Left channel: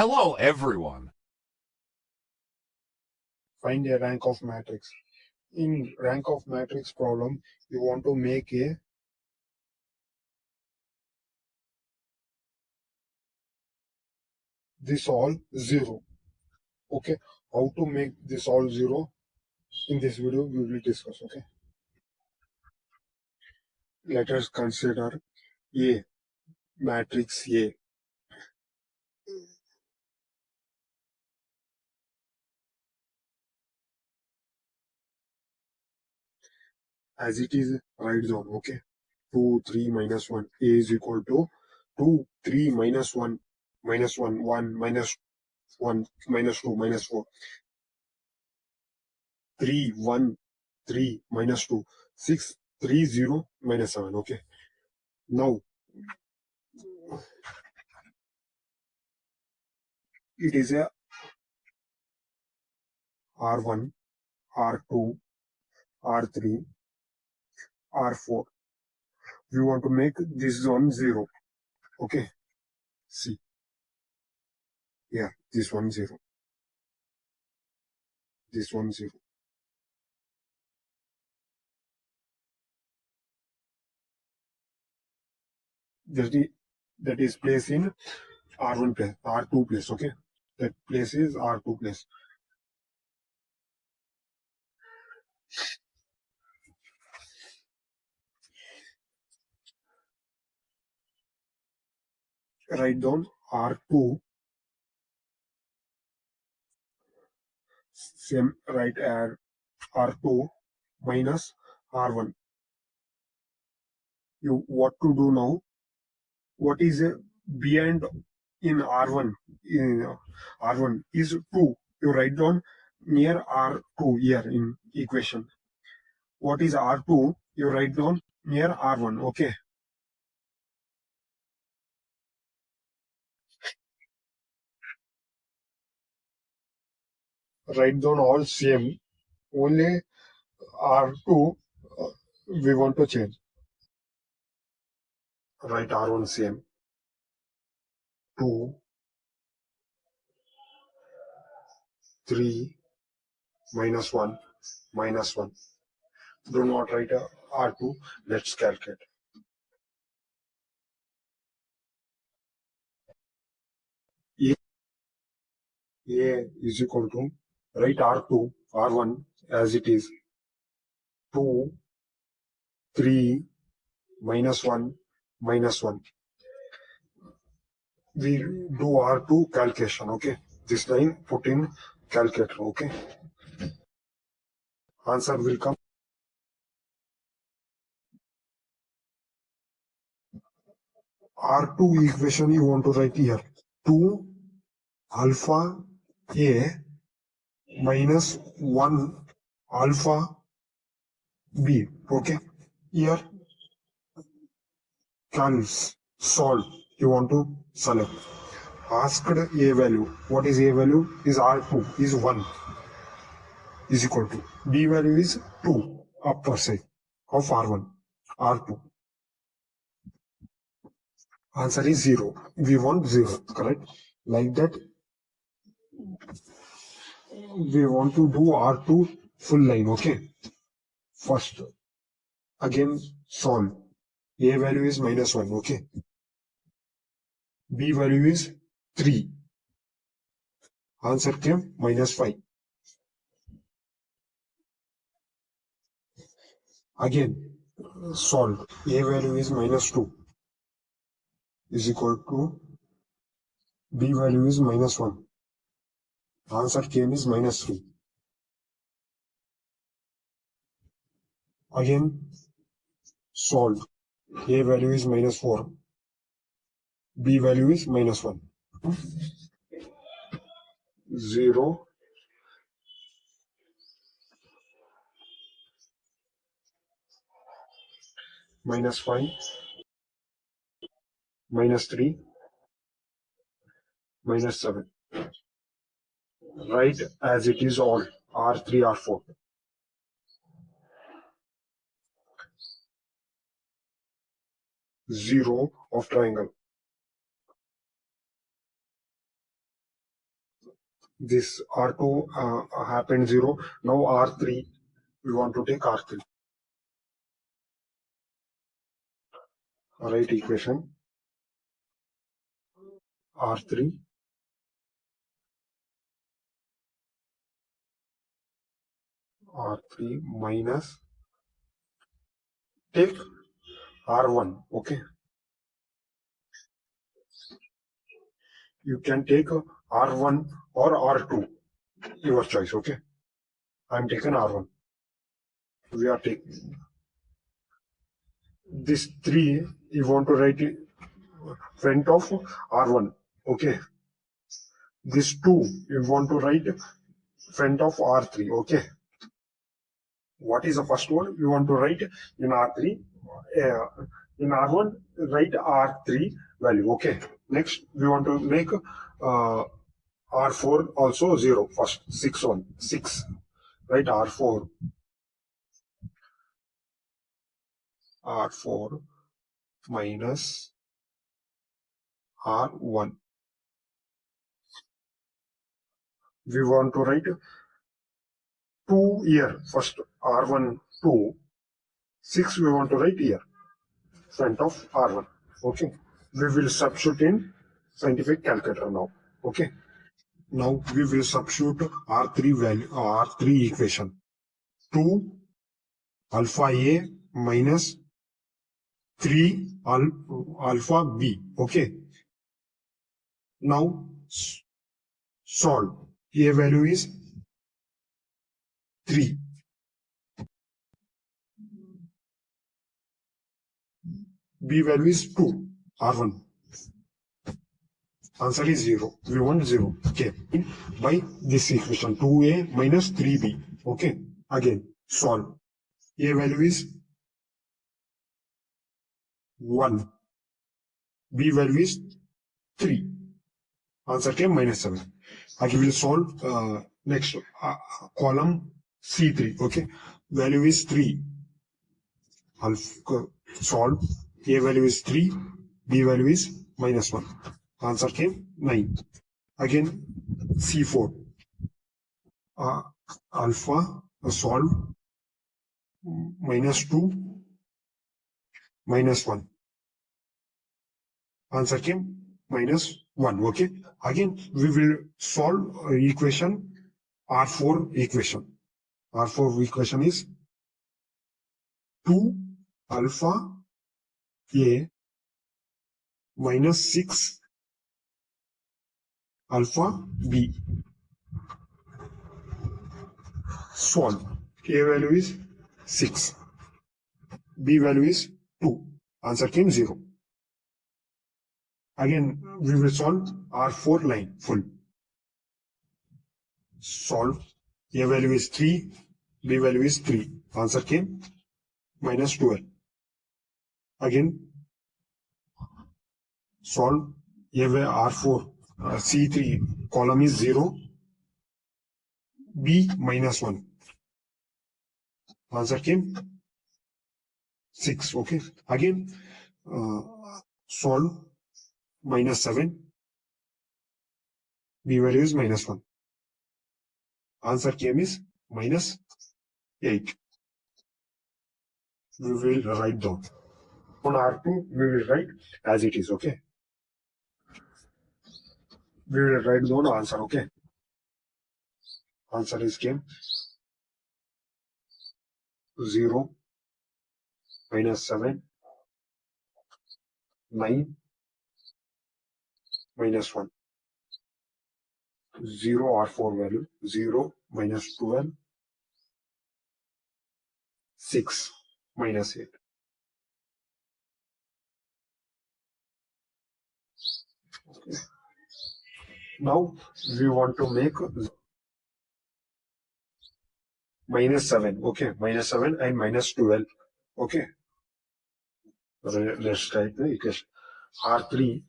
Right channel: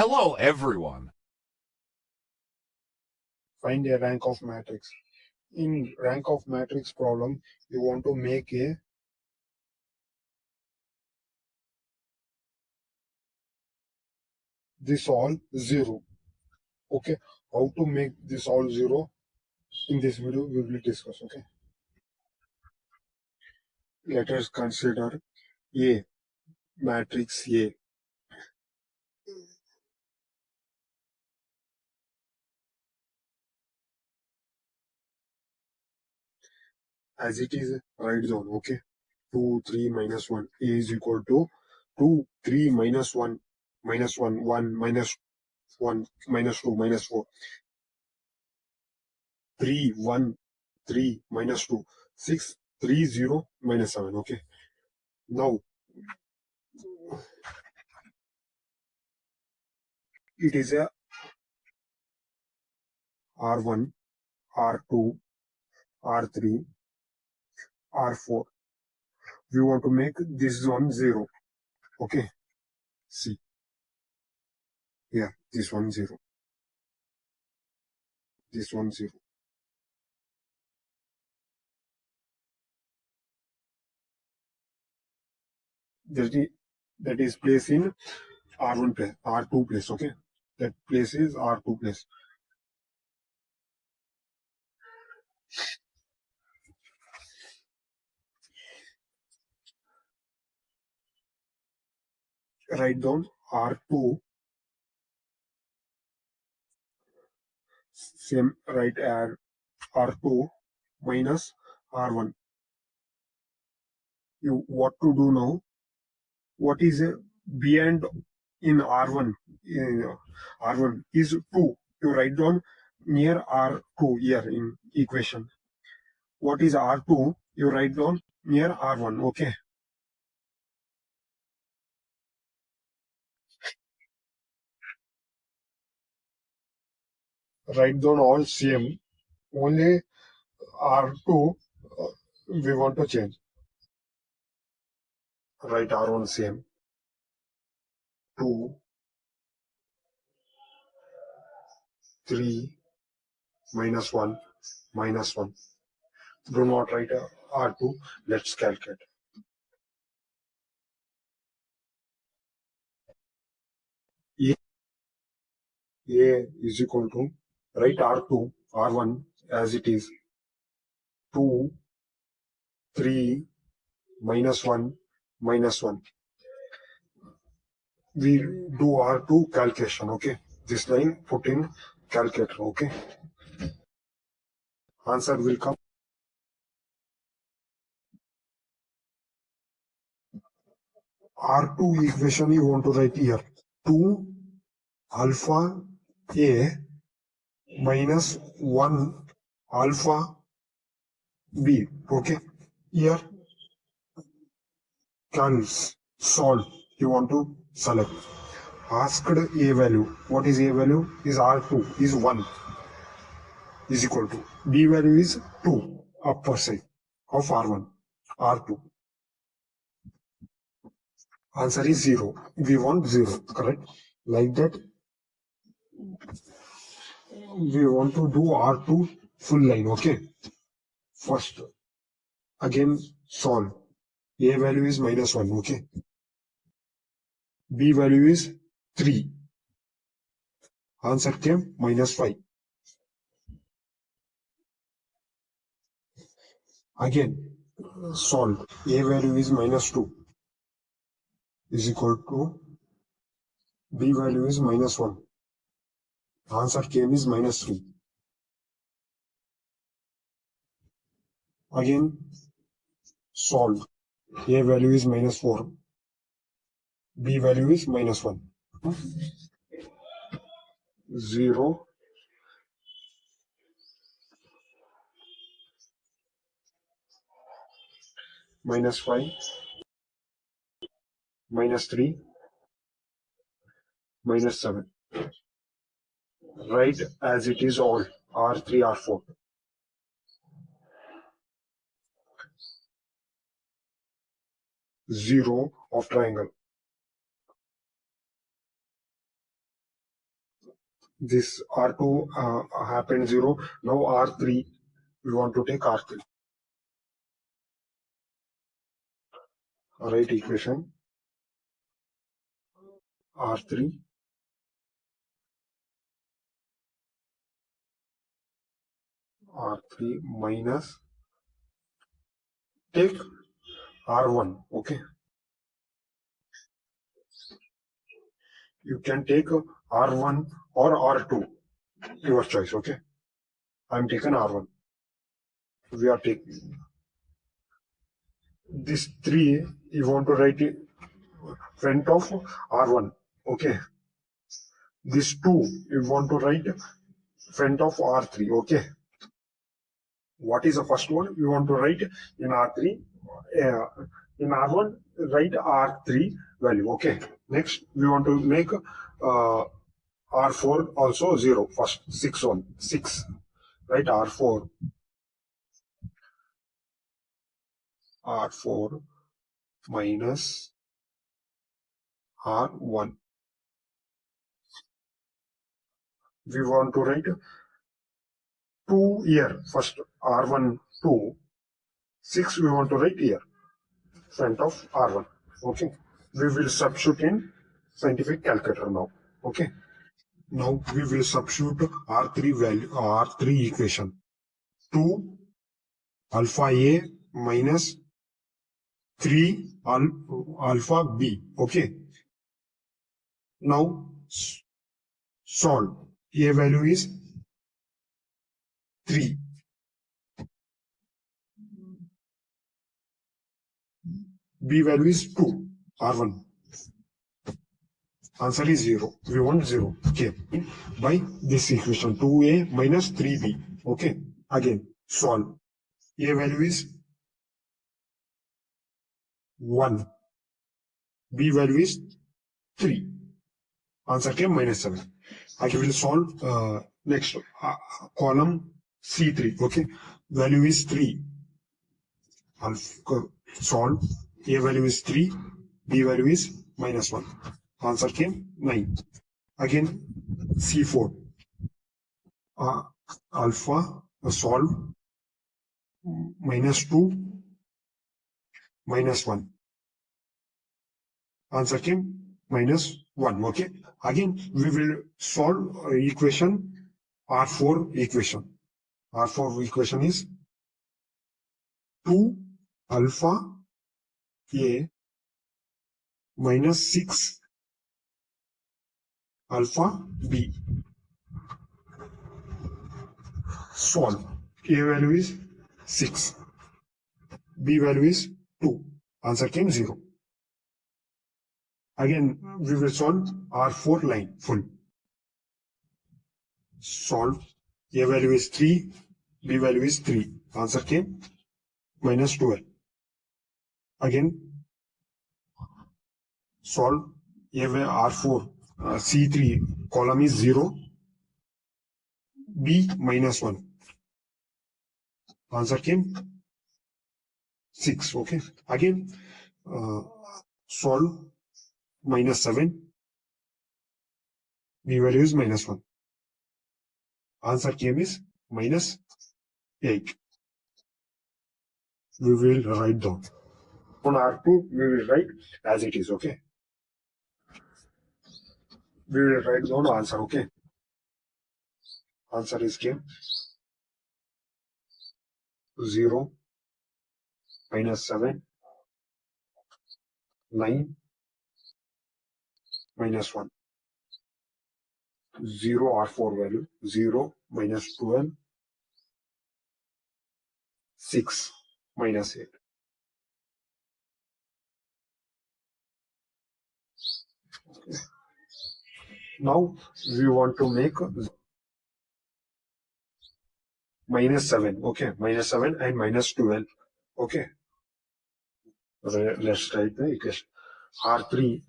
Hello, everyone. Find a rank of matrix. In rank of matrix problem, you want to make this all 0. Okay, how to make this all 0? In this video, we will discuss. Okay, let us consider A, matrix A. As it is, write down. Okay, 2, 3, minus 1. A is equal to 2, 3, minus 1, minus 1, 1, minus 1, minus 2, minus 4. 3, 1, 3, minus 2, 6, 3, 0, minus 7. Okay. Now, it is a R1, R2, R3, R4. We want to make this one 0. Okay. See. Here, this one 0. This one 0. That is placed in R1 place, R2 place. Okay. That place is R2 place. Write down R2. Same right add R2 minus R1. You what to do now? What is beyond in R1? R1 is 2. You write down near R2 here in equation. What is R2? You write down near R1. Okay. Write down all same. Only R2 we want to change. Write R1 same. 2, 3, minus 1, minus 1. Do not write R2. Let's calculate. A is equal to, write R2, R1 as it is, 2, 3, minus 1, minus 1. We do R2 calculation, okay? This line put in calculator, okay? Answer will come. R2 equation you want to write here. 2 alpha A minus 1 alpha B, okay? Here can solve. You want to select. Asked A value. What is A value? Is R2 is 1 is equal to B value is 2 upper side of R1 R2. Answer is 0. We want 0, correct? Like that we want to do R2 full line. Okay, first again solve. A value is minus 1. Okay, B value is 3. Answer came minus 5. Again solve. A value is minus 2 is equal to B value is minus 1. Answer came is minus 3. Again solve. A value is minus 4. B value is minus 1. 0. Minus 5. Minus 3. Minus 7. Write as it is all. R3, R4. 0 of triangle. This R2 happened 0. Now R3, we want to take R3. Right equation. R3 minus, take R1. Okay, you can take R1 or R2, your choice. Okay, I'm taking R1. We are taking this 3, you want to write it front of R1. Okay, this 2, you want to write front of R3. Okay, what is the first one you want to write in R3? uh, in R1, write R3 value. Okay, next we want to make R4 also 0. First 6, right? R4 minus R1. We want to write 2 here. First R1 2, 6 we want to write here, front of R1. Okay, we will substitute in scientific calculator now. Okay, now we will substitute R3 value, R3 equation. 2 alpha A minus 3 alpha B. Okay, now solve. A value is 3, B value is 2, R1. Answer is 0. We want 0. Okay, by this equation 2A minus 3B. Okay, again solve. A value is 1, B value is 3. Answer came minus 7. I will solve next column C3. Okay, value is 3. Solve. A value is 3, B value is minus 1. Answer came 9. Again C4. Alpha solve, minus 2 minus 1. Answer came minus 1. Okay, again we will solve equation R4 equation. R4 equation is 2 alpha A minus 6 alpha B. Solve. A value is 6, B value is 2. Answer came 0. Again we will solve R4 line full. Solve. A value is 3, B value is 3. Answer came minus 12. Again solve. A R4 C3 column is 0, B minus 1. Answer came 6. Okay, again solve. Minus 7, B value is minus 1. Answer came is minus 8. We will write down. On R2, we will write as it is. Okay, we will write down answer. Okay, answer is came 0 minus 7, 9 minus 1. 0 R4 value 0 minus 12, 6 minus 8. Okay. Now we want to make minus 7. Okay, minus 7 and minus 12. Okay, let's write the equation. R3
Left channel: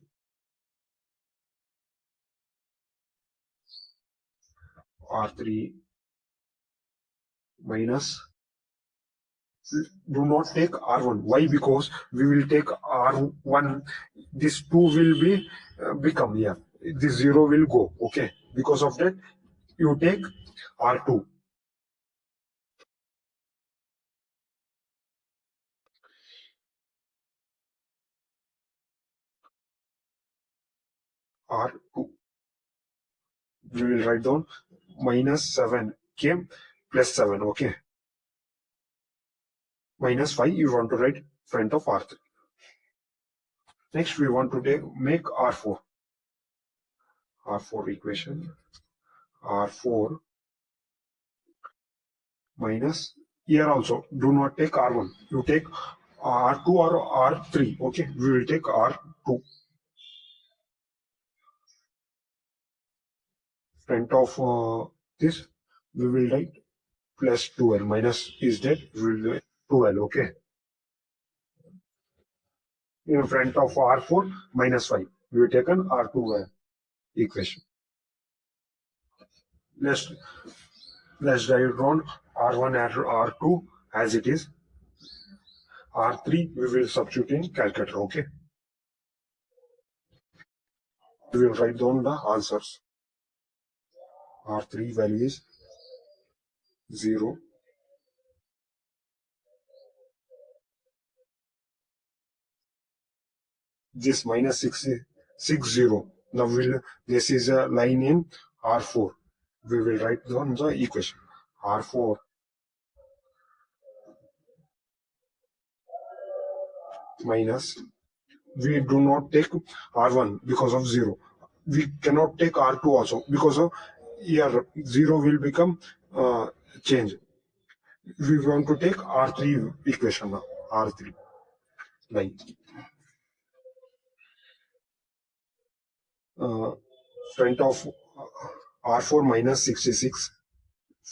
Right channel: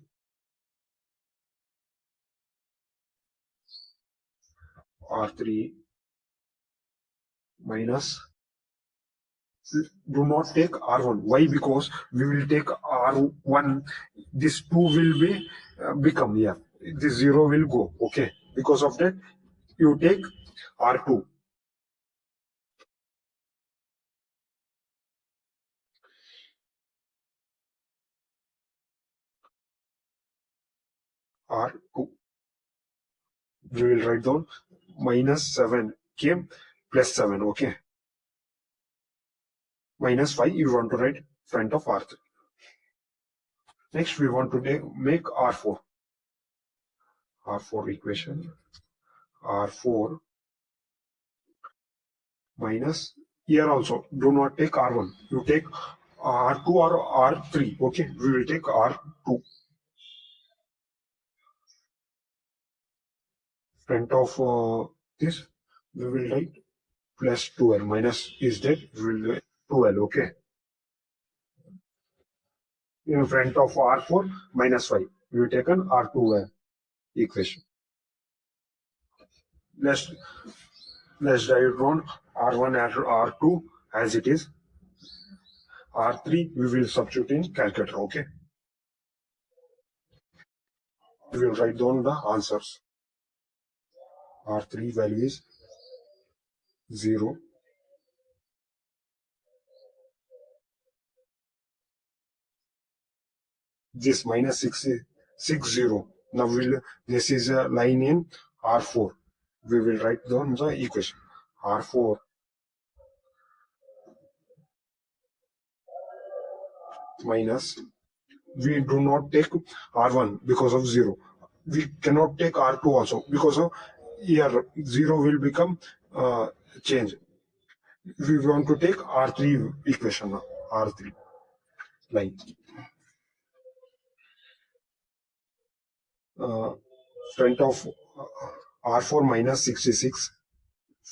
minus, do not take R1. Why? Because we will take R1, this 2 will be become here, this 0 will go. Okay, because of that you take R2. R2. We will write down minus 7 came plus 7. Okay. Minus 5 you want to write front of R3. Next we want to make R4. R4 equation. R4 minus, here also do not take R1. You take R2 or R3. Okay. We will take R2. Front of this we will write plus 2l. Minus is that we will write 2l. Okay. In front of R4 minus 5 we will take an R2 equation. Let's write down R1 and R2 as it is. R3 we will substitute in calculator. Okay. We will write down the answers. R3 value is 0. This minus 60. Now this is a line in R4. We will write down the equation. R4 minus, we do not take R1 because of 0. We cannot take R2 also because of here 0 will become change. We want to take R3 equation now. R3 line. Front of R4 minus 66.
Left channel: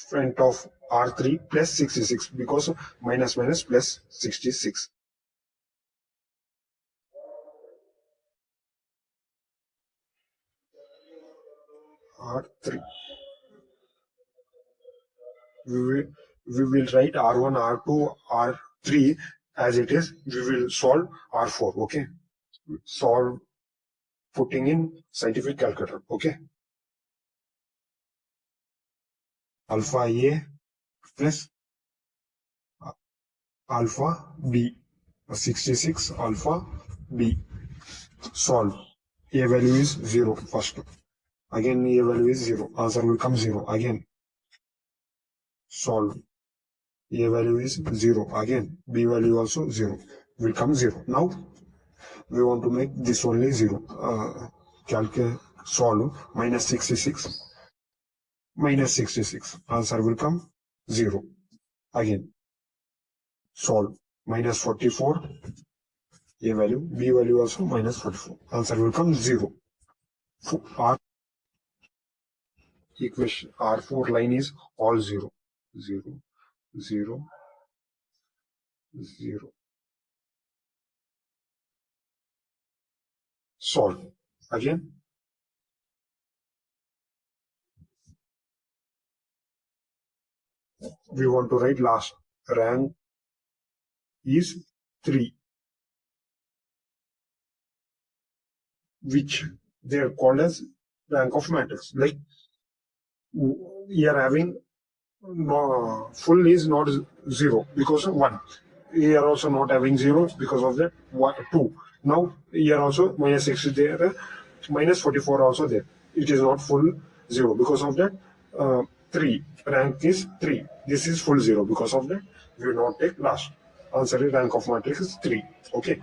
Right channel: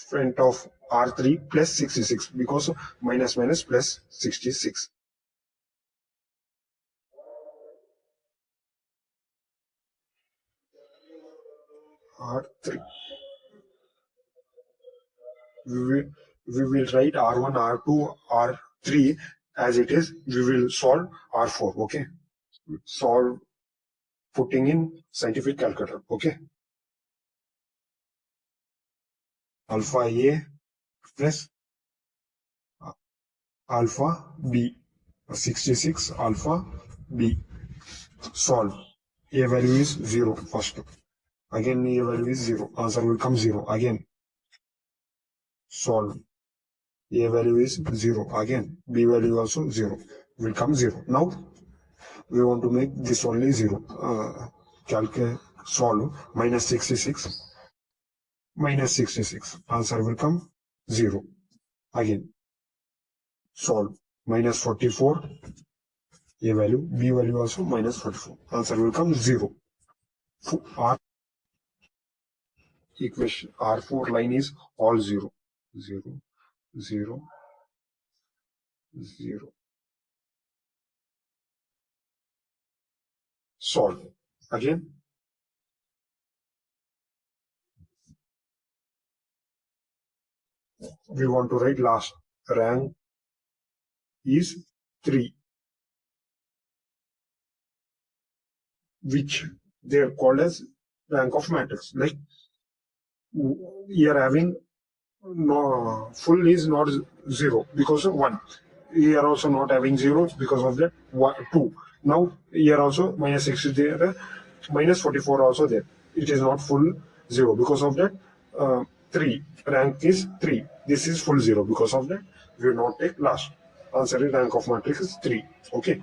Front of R3 plus 66 because minus minus plus 66. R3. We will write R1, R2, R3 as it is. We will solve R4. Okay. Solve putting in scientific calculator. Okay. Alpha A plus alpha B. 66 alpha B. Solve. A value is 0 first. Again A value is 0. Answer will come 0. Again solve. A value is 0. Again B value also 0. Will come 0. Now we want to make this only 0. Calculate, solve minus 66. Minus 66. Answer will come 0. Again solve minus 44. A value, B value also minus 44. Answer will come 0. R equation R4 line is all 0. 0, 0, 0. Solve. Again. We want to write last. Rank is 3. Which they are called as rank of matrix. Like here having no, full is not 0 because of 1. Here also not having 0 because of that 2. Now here also minus 6 is there, minus 44 also there. It is not full 0 because of that 3. Rank is 3. This is full 0 because of that we will not take last. Answer is rank of matrix is 3. Okay.